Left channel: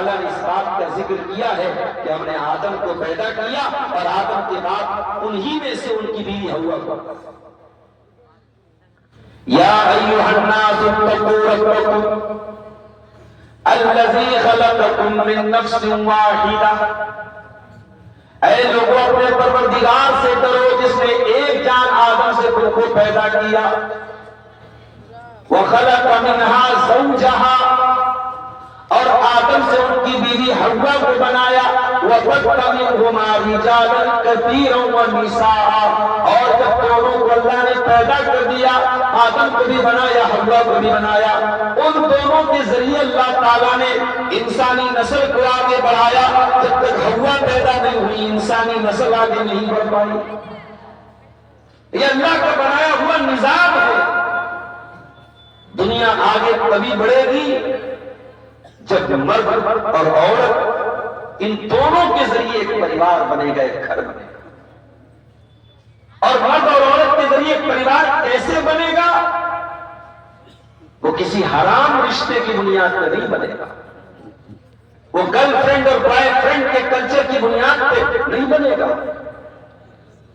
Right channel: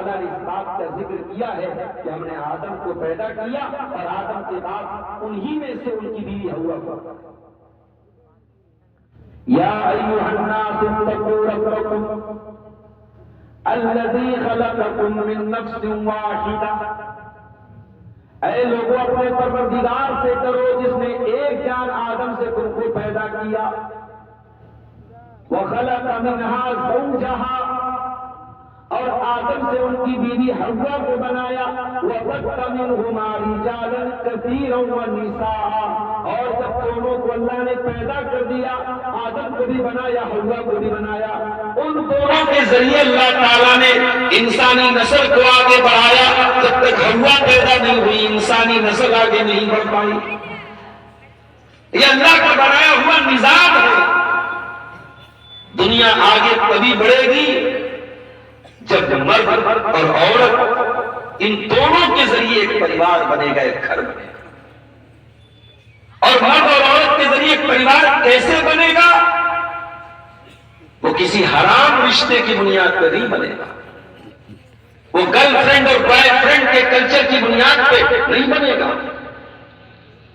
اللہ نے اس بات کا ذکر کیا ہے کہ ہم نے آدم کو پیدا کیا اور آدم کے بعد انہی میں سے ان کی بیوی حوا کو. یا ایھا الناس اتقوا ربکم الذی خلقکم من نفس واحدہ. اے لوگوں اپنے پروردگار سے ڈرو جس نے ایک جان آدم سے تم کو پیدا کیا. وخلق منها زوجها اور آدم سے ان کی بیوی حوا کو بنایا. وَبَثَّ مِنْهُمَا رِجَالًا كَثِيرًا وَنِسَاءً. اور جب دونوں کو اللہ نے پیدا کر دیا، آدم کو بھی بنایا حوا کو بھی بنایا، ان دونوں کے ذریعے اللہ تعالیٰ نے انسانی نسل کو آگے بڑھایا. جب تک حوا پیدا نہیں ہوئی انسانی نسل آگے نہیں بڑھ پائی. یہ اللہ کا بنایا ہوا نظام ہے. دنیا آگے کبھی بڑھے گی جب مرد اور عورت ان دونوں کے ذریعے ایک پریوار بنے گا، ایک گھر بنے گا. اور مرد اور عورت کے ذریعے ایک پریوار کیسے بنے گا؟ وہ کسی حرام رشتے کی بنیاد پہ نہیں بنے گا، وہ گرل فرینڈ اور بوائے فرینڈ کے کلچر کی بنیاد پہ نہیں بنے گا،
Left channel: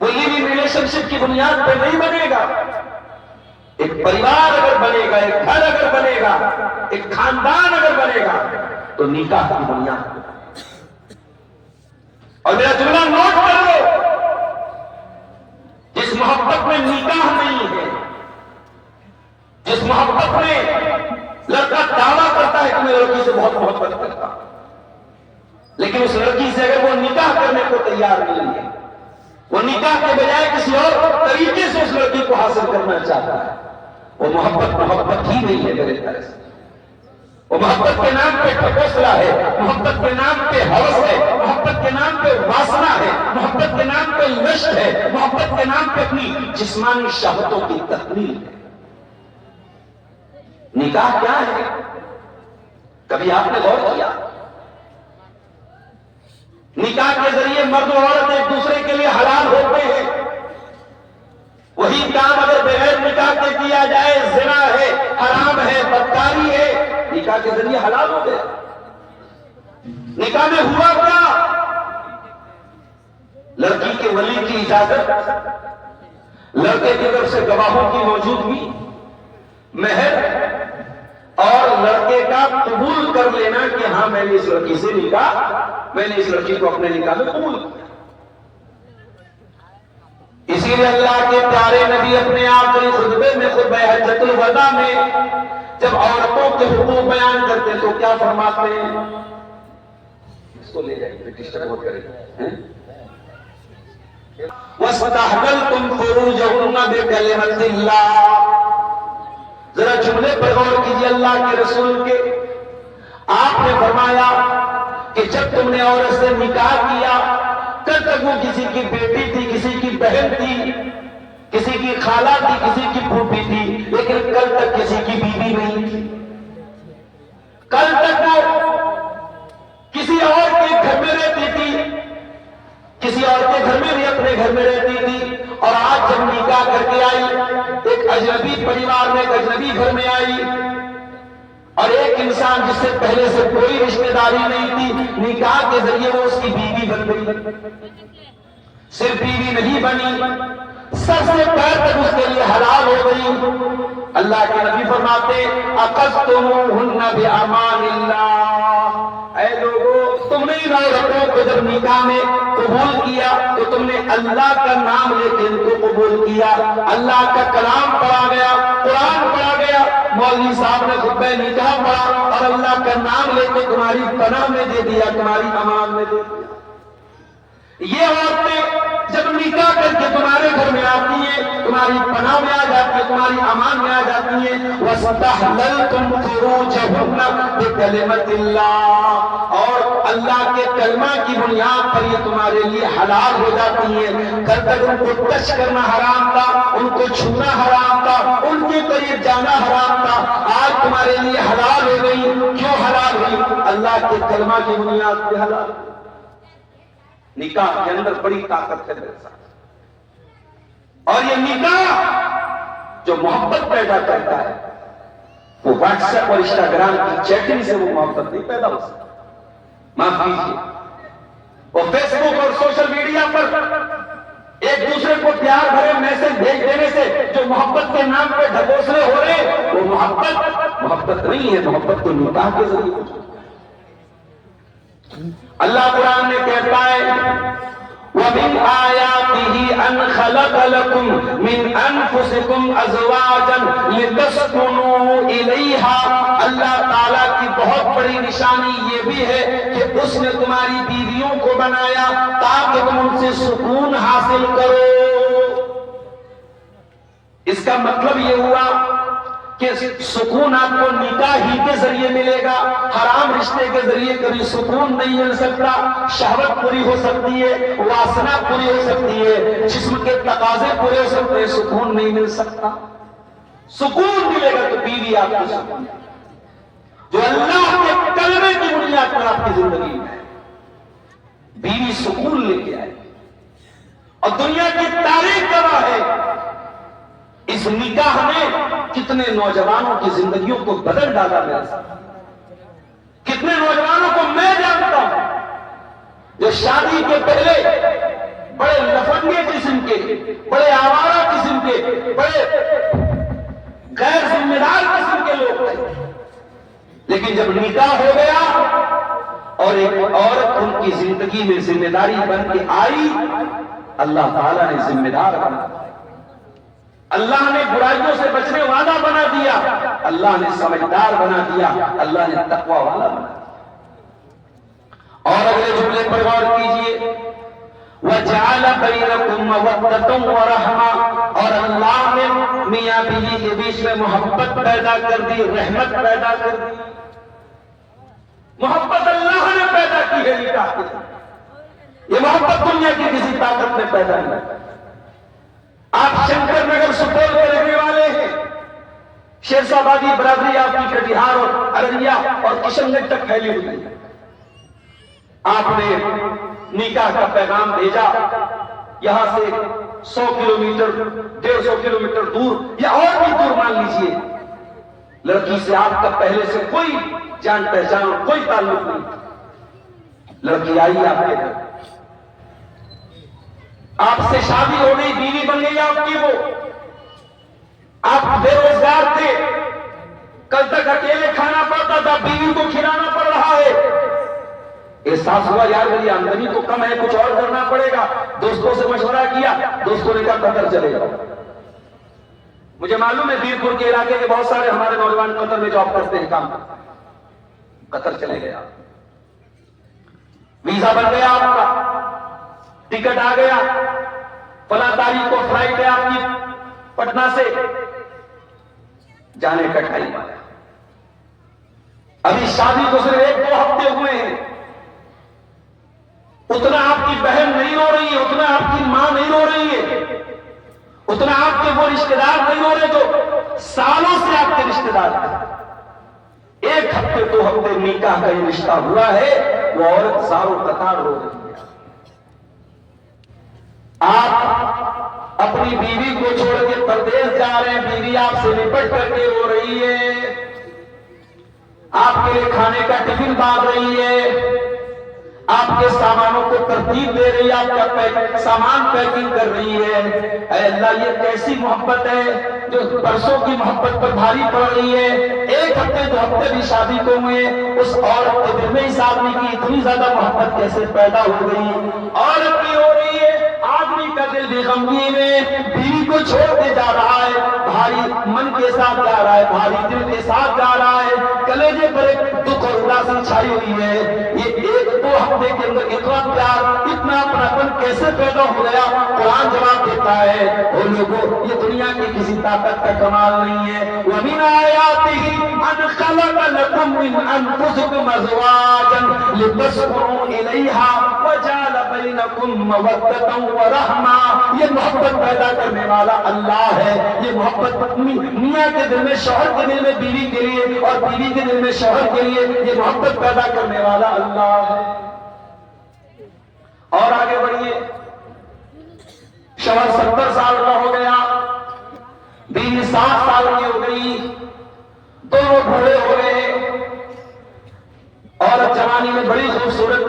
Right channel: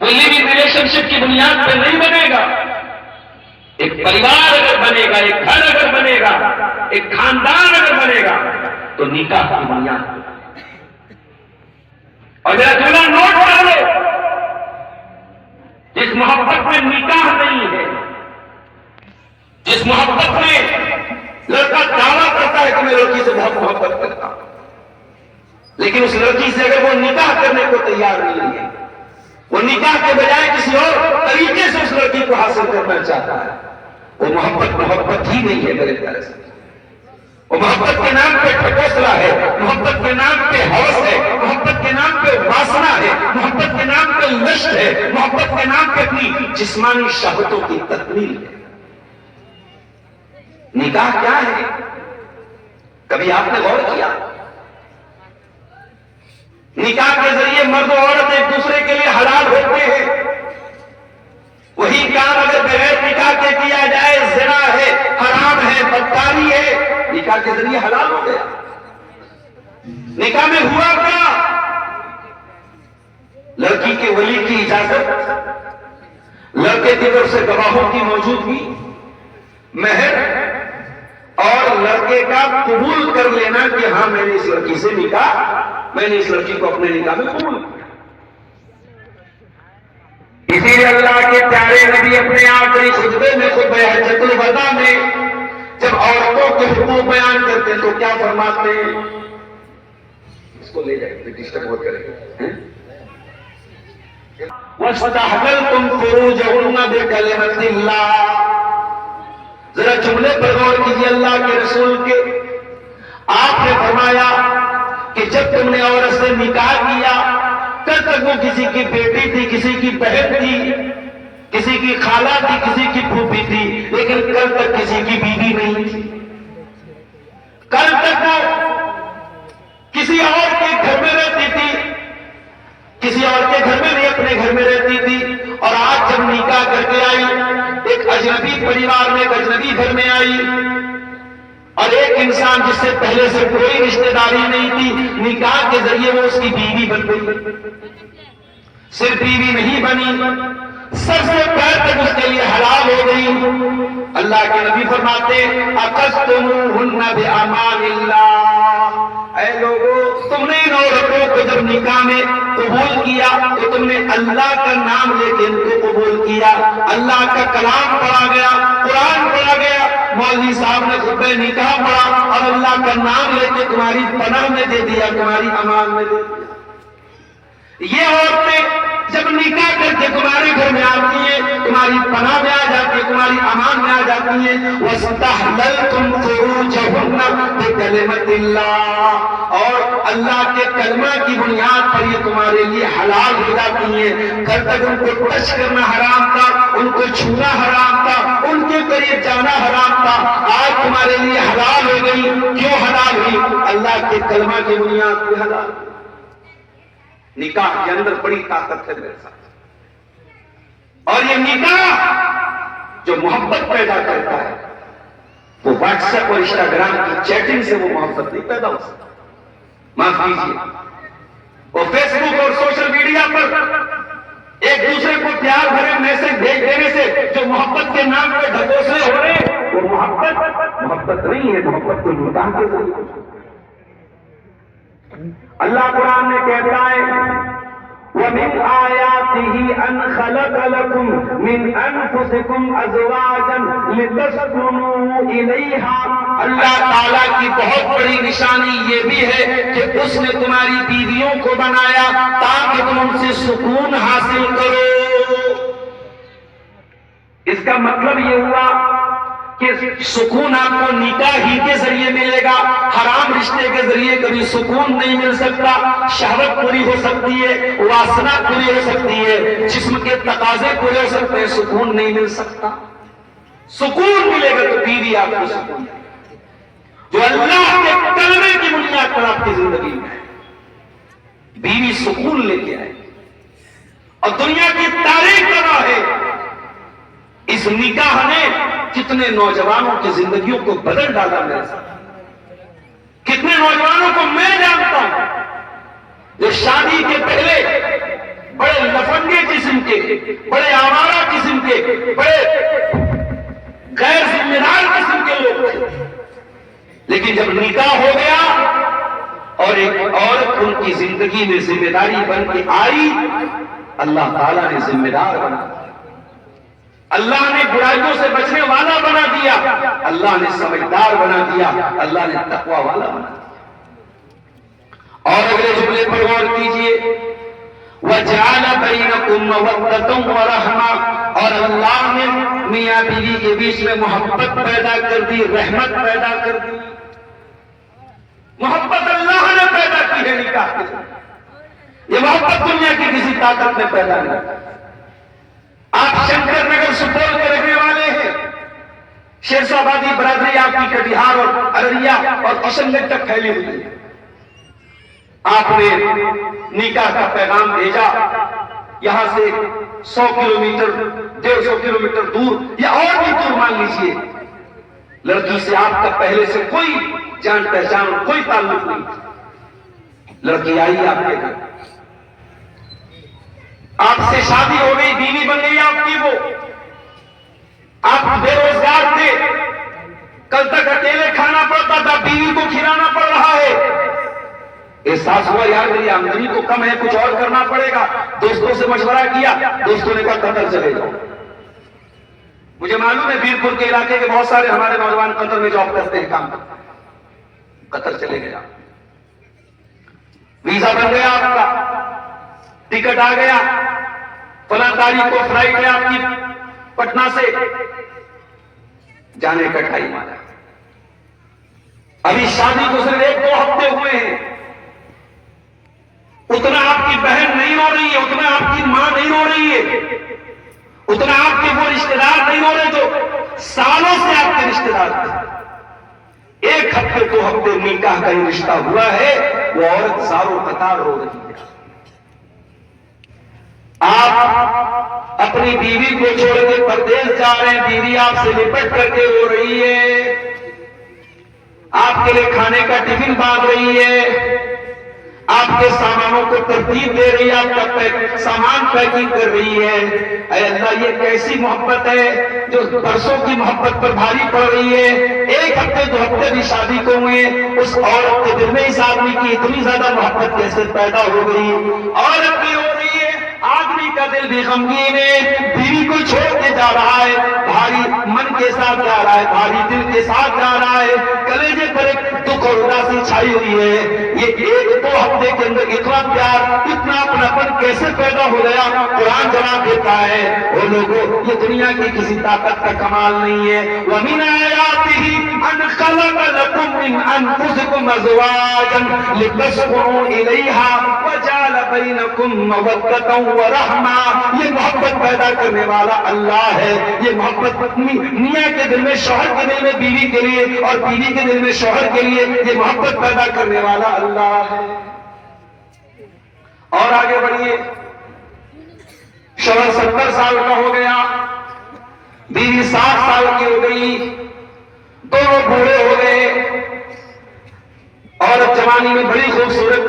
وہ لیونگ ریلیشن شپ کی بنیاد پہ نہیں بنے گا. ایک پریوار اگر بنے گا، ایک گھر اگر بنے گا، ایک خاندان اگر بنے گا تو نکاح کی بنیاد پہ. اور میرا جملہ نوٹ کر لو، جس محبت میں نکاح نہیں ہے، جس محبت میں لڑکا دعویٰ کرتا ہے کہ میں لڑکی سے بہت محبت کرتا ہوں، لیکن اس لڑکی سے اگر وہ نکاح کرنے کو تیار نہیں ہے، وہ نکاح کے بجائے کسی اور طریقے سے اس لڑکی کو حاصل کرنا چاہتا ہے، وہ محبت ہی نہیں ہے میرے خیال سے. وہ محبت کے نام پہ ٹھکوسلا ہے، محبت کے نام پہ ہوس ہے، محبت کے نام پہ واسنا ہے، محبت کے نام پہ لشت ہے، محبت کے نام پہ اپنی جسمانی شہوتوں کی تکمیل ہے. نکاح کیا ہے؟ کبھی آپ نے غور کیا؟ نکاح کے ذریعے مرد و عورت ایک دوسرے کے لیے حلال ہوتے ہیں. وہی کام اگر بغیر نکاح کے کیا جائے زنا ہے، حرام ہے، بدکاری ہے. نکاح کے ذریعے حلال ہو گیا. نکاح میں ہوا کیا؟ لڑکی کے ولی کی اجازت، لڑکے کی طرف سے گواہوں کی موجودگی، مہر اور لڑکے کا قبول کر لینا کہ ہاں میں نے اس لڑکی سے میں نے اس لڑکی کو اپنے نکاح میں قبول کیا. اسی لیے اللہ کے پیارے نبی اپنے آخری خطبے میں خطبہ حجۃ الوداع میں جب عورتوں کے حقوق بیان کرتے تو کیا فرماتے ہیں؟ اس کو لے جائیں، ڈسٹرب مت کریں. وَاسْتَحْلَلْتُمْ فُرُوجَهُنَّ بِكَلِمَةِ اللَّهِ. ذرا جملے پر غور کیجیے اللہ کے رسول کے. آپ نے فرمایا کہ جب تم نے عورت سے نکاح کیا، کل تک وہ کسی کی بیٹی تھی، کسی کی بہن تھی، کسی کی خالہ تھی، کسی کی پھوپھی تھی، لیکن کل تک کسی کی بیوی نہیں تھی. کل تک وہ کسی اور کے گھر میں رہتی تھی، کسی اور کے گھر میں نہیں اپنے گھر میں رہتی تھی. اور آج جب نکاح کر کے آئی، ایک اجنبی پریوار میں، ایک اجنبی گھر میں آئی، اور ایک انسان جس سے پہلے سے کوئی رشتہ داری نہیں تھی، نکاح کے ذریعے وہ اس کی بیوی بن گئی. صرف بیوی نہیں بنی، سر سے پیر تک اس کے لیے حلال ہو گئی. اللہ کے نبی فرماتے اَخَذْتُمُوهُنَّ بِأَمَانِ اللَّهِ. اے لوگوں، تم نے ان عورتوں کو جب نکاح میں قبول کیا تو تم نے اللہ کا نام لے کے ان کو قبول کیا. اللہ کا کلام پڑھا گیا، قرآن پڑھا گیا، مولوی صاحب نے خطبہ نکاح پڑھا اور اللہ کا نام لے کے تمہاری پناہ میں دے دیا، تمہاری امان میں دے دیا. یہ عورتیں جب نکاح کر کے تمہارے گھر میں آتی ہیں، تمہاری پناہ میں آ جاتی ہیں، تمہاری امان میں آ جاتی ہیں. وَاسْتَحْلَلْتُمْ فُرُوجَهُنَّ بِكَلِمَةِ اللَّهِ. اور اللہ کے کلمہ کی بنیاد پر یہ تمہارے لیے حلال ہو جاتی ہیں. کل تک ان کو ٹچ کرنا حرام تھا، ان کو چھونا حرام تھا، ان کے قریب جانا حرام تھا. آج تمہارے لیے حلال ہو گئی. کیوں حلال ہوئی؟ اللہ کے کلمہ کی بنیاد پہ حلال. نکاح کے اندر بڑی طاقت ہے میرے ساتھ. اور یہ نکاح جو محبت پیدا کرتا ہے، وہ واٹس ایپ اور انسٹاگرام کی چیٹنگ سے وہ محبت نہیں پیدا ہو سکتا. معاف کیجیے، اور فیس بک اور سوشل میڈیا پر ایک دوسرے کو پیار بھرے میسج بھیج دینے سے جو محبت کے نام پہ ڈھکوسلے ہو رہے ہیں، وہ محبت نہیں ہے، محبت تو نکاح کے ذریعے۔ اللہ قرآن میں کہتا ہے وَمِنْ آيَاتِهِ أَنْ خَلَقَ لَكُمْ مِنْ أَنفُسِكُمْ أَزْوَاجًا لِتَسْكُنُوا إِلَيْهَا۔ اللہ تعالیٰ کی بہت بڑی نشانی یہ بھی ہے کہ اس نے تمہاری بیویوں کو بنایا تاکہ تم ان سے سکون حاصل کرو۔ اس کا مطلب یہ ہوا کہ سکون آپ کو نکاح ہی کے ذریعے ملے گا، حرام رشتے کے ذریعے کبھی سکون نہیں مل سکتا۔ شہوت پوری ہو سکتی ہے، واسنا پوری ہو سکتی ہے، جسم کے تقاضے پورے ہو سکتے ہیں، سکون نہیں مل سکتا۔ سکون ملے گا تو بیوی آپ کو سکون، جو اللہ کے کلمے کی بنیاد پر آپ کی زندگی میں ہے، بیوی سکون لے کے آئے۔ اور دنیا کی تاریخ گواہ ہے اس نکاح نے کتنے نوجوانوں کی زندگیوں کو بدل ڈالا میرے ساتھ۔ کتنے نوجوانوں کو میں جانتا ہوں جو شادی کے پہلے بڑے لفنگے قسم کے، بڑے آوارہ قسم کے، بڑے غیر ذمہ دار قسم کے لوگ تھے، لیکن جب نکاح ہو گیا اور ایک عورت ان کی زندگی میں ذمہ داری بن کے آئی، اللہ تعالیٰ نے ذمہ دار بنا، اللہ نے برائیوں سے بچنے والا بنا دیا، اللہ نے سمجھدار بنا دیا، اللہ نے تقوی والا بنا دیا۔ اور اگلے جملے پر غور کیجئے وَجَعَلَ بَيْنَكُمْ مَوَدَّةً وَرَحْمَةً، اور اللہ نے میاں بیوی کے بیچ میں محبت پیدا کر دی، رحمت پیدا کر دی۔ محبت اللہ نے پیدا کی ہے نکاح کے ساتھ، یہ محبت دنیا کی کسی طاقت میں پیدا نہیں۔ آپ شنکر نگر سپول کے رہنے والے ہیں، شیرسابادی برادری آپ کی کٹیہار اور ارریا اور کشن گنج تک پھیلی ہوئی ہے۔ آپ نے نکاح کا پیغام بھیجا، یہاں سے 100 کلومیٹر 150 کلومیٹر دور یا اور بھی دور مان لیجئے، لڑکی سے آپ کا پہلے سے کوئی جان پہچان کوئی تعلق نہیں، لڑکی آئی آپ کے گھر، آپ سے شادی ہو گئی، بیوی بن گئی آپ کی، وہ آپ بے روزگار تھے، کل تک اکیلے کھانا پڑتا تھا، بیوی کو کھلانا پڑ رہا ہے، احساس ہوا یار میری آمدنی تو کم ہے، کچھ اور کرنا پڑے گا۔ دوستوں سے مشورہ کیا، دوستوں نے کہا قطر چلے جاؤ۔ مجھے معلوم ہے بیرپور کے علاقے کے بہت سارے ہمارے نوجوان قطر میں جاب کرتے ہیں، کام کرتے ہیں، قطر چلے گیا، ویزا بن گیا آپ کا، ٹکٹ آ گیا، فلاں تاریخ کو فلائٹ ہے آپ کی پٹنہ سے، جانے کا ٹائم آ گیا۔ ابھی شادی کو صرف 1-2 ہفتے ہوئے ہیں، اتنا آپ کی بہن نہیں رو رہی ہے، اتنا آپ کی ماں نہیں رو رہی ہے، اتنا آپ کے وہ رشتہ دار نہیں رو رہے جو سالوں سے آپ کے رشتہ دار تھے۔ 1 ہفتے 2 ہفتے نکاح کا یہ رشتہ ہوا ہے، وہ عورت زاروں قطار رو رہی ہے۔ آپ اپنی بیوی کو چھوڑ کے پردیس جا رہے ہیں، بیوی آپ سے لپٹ کر کے رو رہی ہے، آپ کے لیے کھانے کا ٹفن باندھ رہی ہے، آپ کے سامانوں کو ترتیب دے رہی ہے، آپ کا سامان پیکنگ کر رہی ہے۔ اے اللہ، یہ کیسی محبت ہے جو برسوں کی محبت پر بھاری پڑ رہی ہے۔ 1 ہفتے 2 ہفتے بھی شادی کو ہوئے، اس عورت کے دل میں اس آدمی کی اتنی زیادہ محبت کیسے پیدا ہو گئی؟ عورت بھی ہو رہی ہے، آدمی کا دل بھی غمگین ہے، بیوی کو چھوڑ کے جا رہا ہے، بھاری من کے ساتھ جا رہا ہے، بھاری دل کے ساتھ جا رہا ہے، کلیجے پر ایک دکھ اور اداسی چھائی ہوئی ہے۔ یہ 1-2 ہفتے کے اندر اتنا پیار، اتنا اپناپن کیسے پیدا ہو گیا؟ قرآن جواب دیتا ہے وہ لوگوں، یہ دنیا کی کسی طاقت کا کمال نہیں ہے۔ وَمِنْ آيَاتِهِ أَنْ خَلَقَ لَكُمْ مِنْ أَنفُسِكُمْ أَزْوَاجًا لِتَسْكُنُوا إِلَيْهَا وَجَعَلَ بَيْنَكُمْ مَوَدَّةً وَرَحْمَةً۔ یہ محبت پیدا کرنے والا اللہ ہے، یہ محبت میاں کے دل میں، شوہر کے دل میں بیوی کے لیے، اور بیوی کے دل میں شوہر کے لیے، یہ محبت پیدا کرنے والا اللہ ہے۔ اور آگے بڑھیے، شوہر 70 سال کا ہو گیا، بیوی 60 سال کی ہو گئی، دونوں بوڑھے ہو گئے، عورت جوانی میں بڑی خوبصورت